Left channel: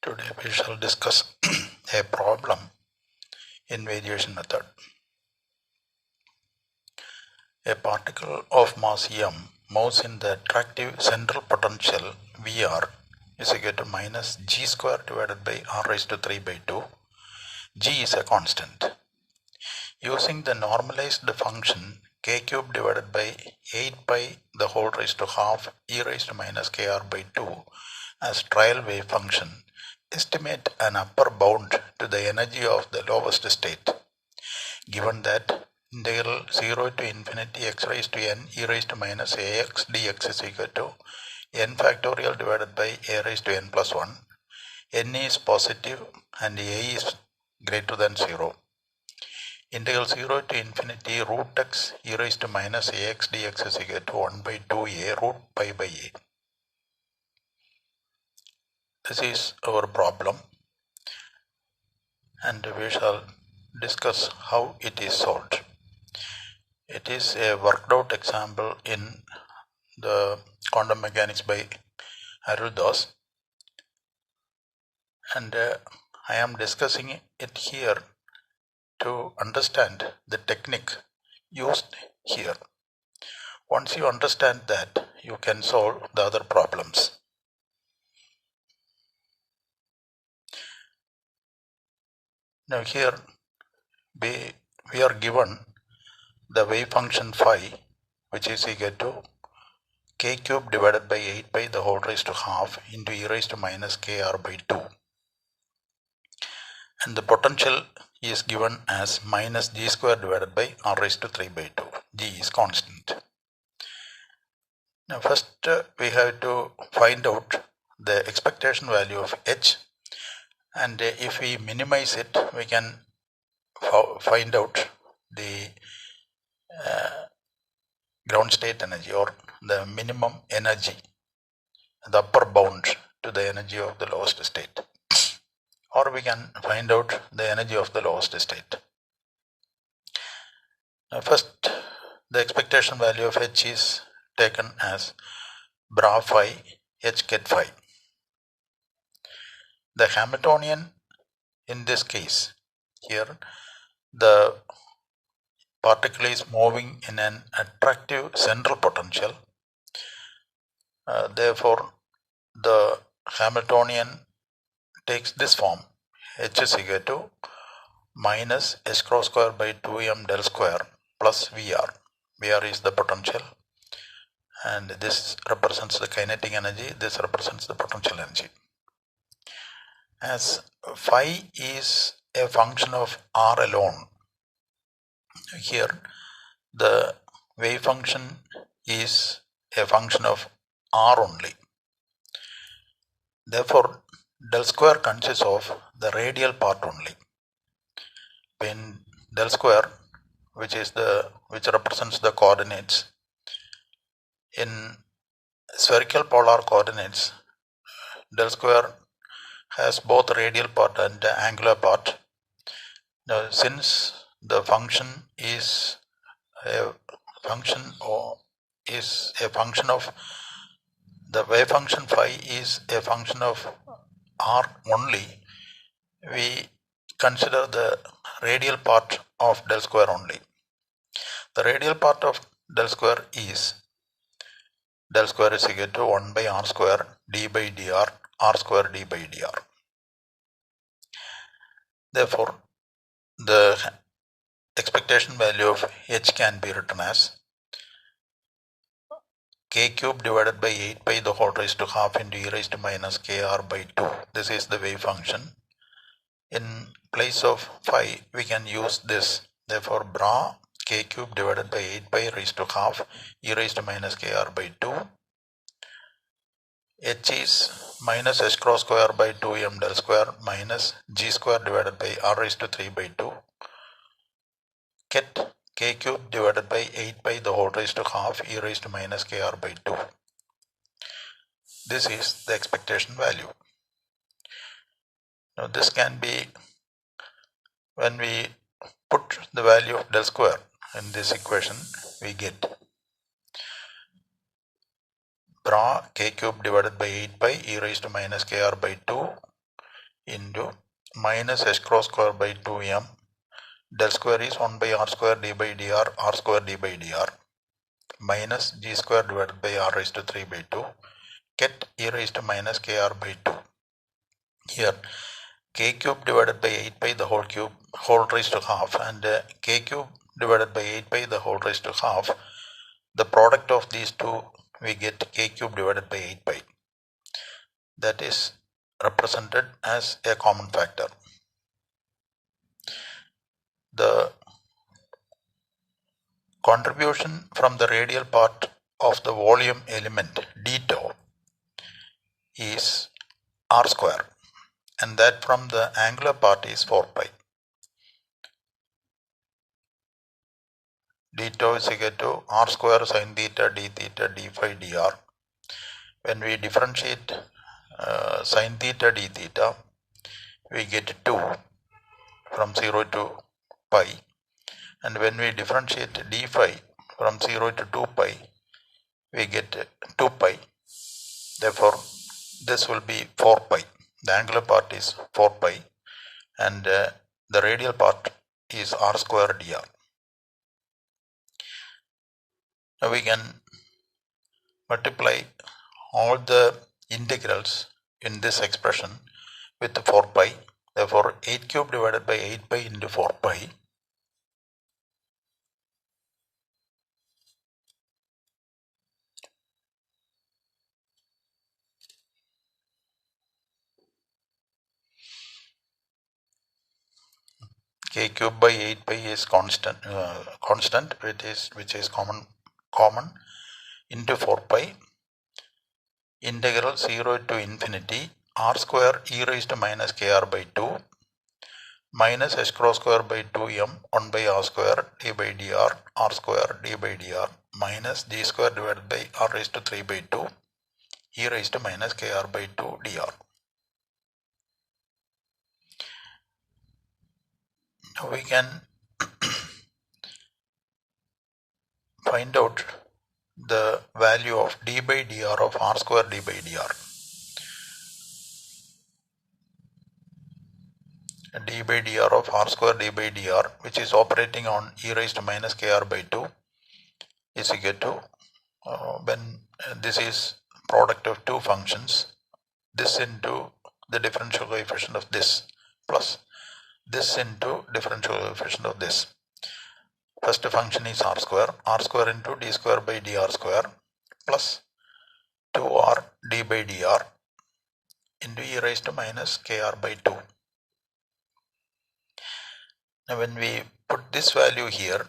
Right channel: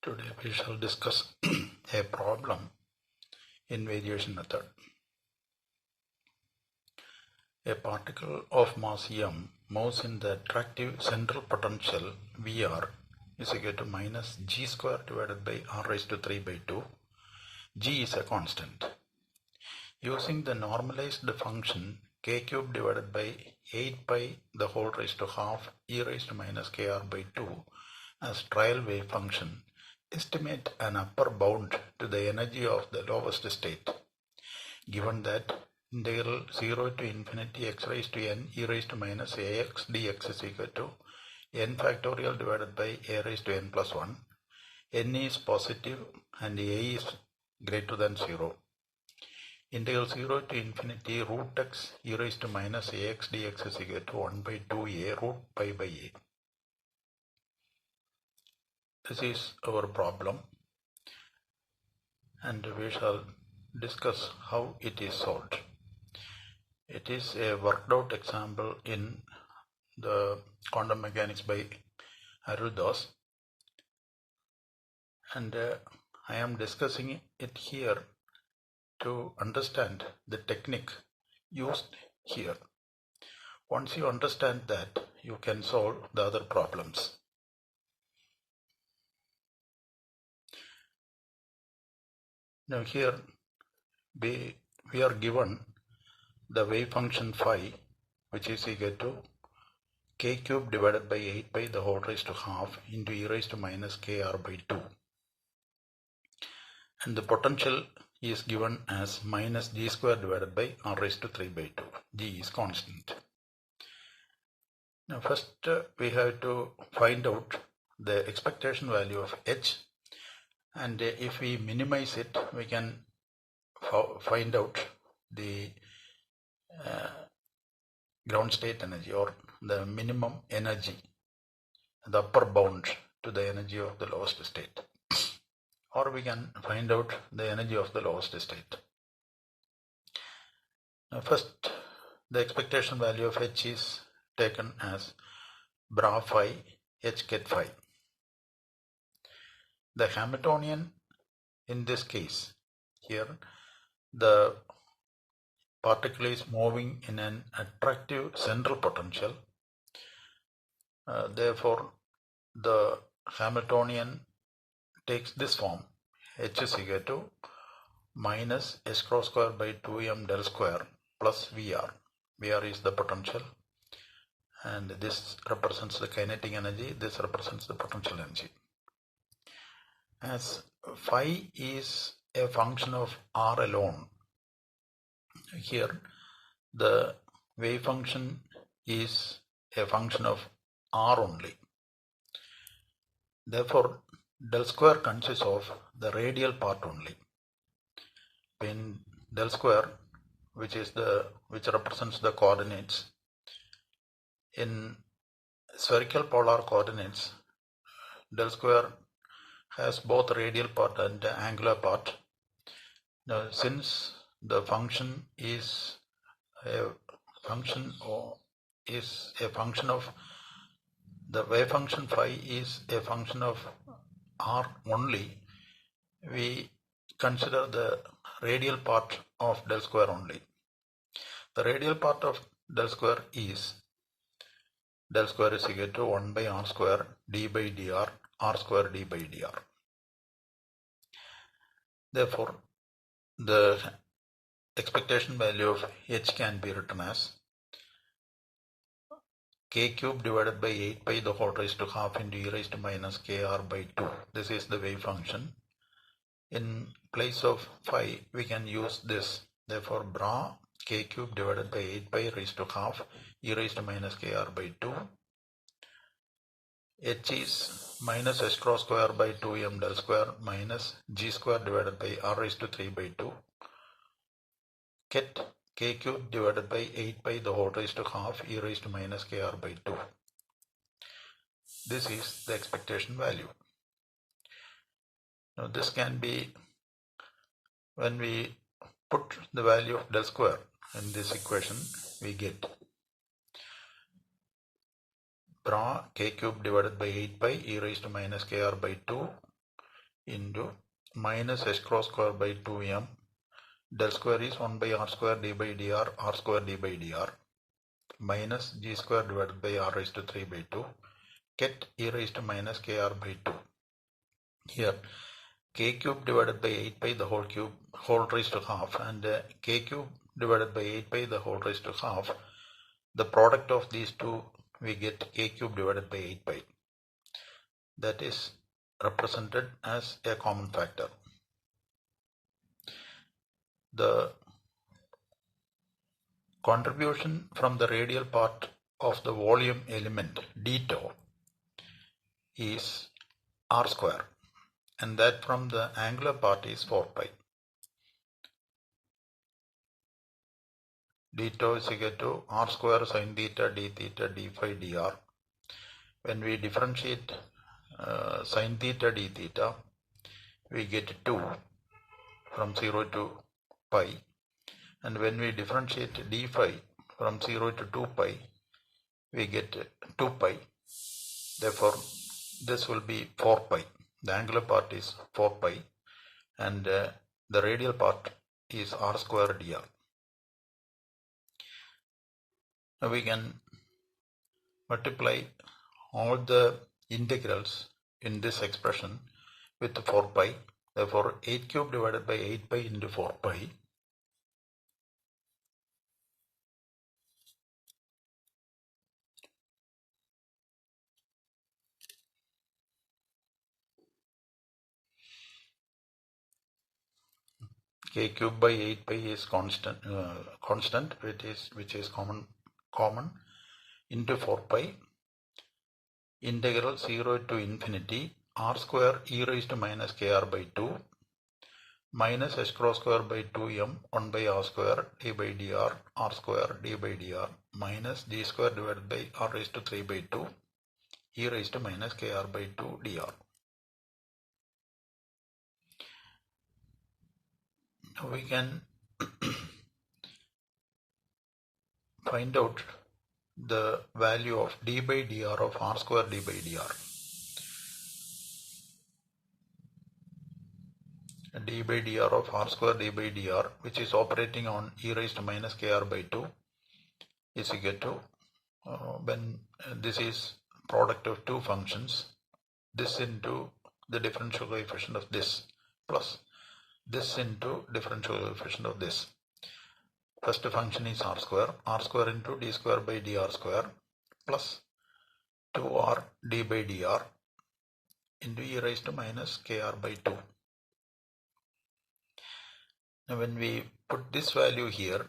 Today we shall discuss a problem in variation method. A particle of mass m moves in the attractive central potential Vr is equal to minus g square divided by r raised to 3 by 2. G is a constant. Using the normalized function k cube divided by 8 pi the whole raised to half e raised to minus kr by 2 as trial wave function, estimate an upper bound to the energy of the lowest state, given that integral 0 to infinity x raised to n e raised to minus ax dx is equal to n factorial divided by a raised to n plus 1, n is positive and a is greater than 0. Integral 0 to infinity root x e raised to minus ax dx is equal to 1 by 2a root pi by a. This is our problem, and we shall discuss how it is solved. It is a worked out example in the quantum mechanics by Aruldas, and I am discussing it here to understand the technique used here. Once you understand that, you can solve the other problems. Now here we are given the wave function phi, which is equal to k cube divided by 8 pi the whole raised to half into e raised to minus kr by 2. And the potential is given as minus g square divided by r raised to 3 by 2. G is constant. Now first we have to find out the expectation value of h, and if we minimize it, we can find out the ground state energy, or the minimum energy, the upper bound to the energy of the lowest state, or we can find out the energy of the lowest state. Now first, the expectation value of h is taken as bra phi h ket phi. The Hamiltonian in this case, here the particle is moving in an attractive central potential. Therefore, the Hamiltonian takes this form: h is equal to minus h cross square by 2m del square plus Vr. Vr is the potential, and this represents the kinetic energy, this represents the potential energy. As phi is a function of r alone, here the wave function is a function of r only. Therefore, del square consists of the radial part only. When del square, which represents the coordinates, in spherical polar coordinates, del square has both radial part and angular part. Now, since the function is a function of the wave function phi is a function of r only, we consider the radial part of del square only. The radial part of del square is del square is equal to 1 by r square d by dr, r square d by dr. Therefore, the expectation value of h can be written as k cube divided by 8 pi the whole raised to half into e raised to minus kr by 2. This is the wave function. In place of phi, we can use this. Therefore, bra k cube divided by 8 pi raised to half e raised to minus kr by 2. H is minus h cross square by 2m del square minus g square divided by r raised to 3 by 2. Ket k cube divided by 8 pi the whole raised to half e raised to minus kr by 2. This is the expectation value. Now this can be, when we put the value of del square in this equation, we get bra k cube divided by 8 pi e raised to minus kr by 2 into minus h cross square by 2m. Del square is 1 by r square d by dr, r square d by dr, minus g square divided by r raised to 3 by 2, get e raised to minus kr by 2. Here k cube divided by 8 pi the whole raised to half, and k cube divided by 8 pi the whole raised to half. The product of these two, we get k cube divided by 8 pi. That is represented as a common factor. The contribution from the radial part of the volume element d tau is r square, and that from the angular part is 4 pi. D tau is equal to r square sin theta d phi dr. When we differentiate sin theta d theta, we get 2 from 0 to pi, and when we differentiate d phi from 0 to 2 pi, we get 2 pi. Therefore, this will be 4 pi. The angular part is 4 pi, and the radial part is r square dr. Now we can multiply all the integrals in this expression with 4 pi. Therefore, 8 cube divided by 8 pi into 4 pi k cube by 8 pi is constant, which is common into 4 pi integral 0 to infinity r square e raised to minus kr by 2 minus h cross square by 2m 1 by r square d by dr r square d by dr minus g square divided by r raised to 3 by 2 e raised to minus kr by 2 dr. Now we can find out the value of d by dr of r square d by dr. D by dr of r square d by dr, which is operating on e raised to minus kr by 2, is equal to when this is product of two functions, this into the differential coefficient of this plus this into differential coefficient of this. First function is r square into d square by dr square plus 2r d by dr into e raised to minus kr by 2. Now when we put this value here,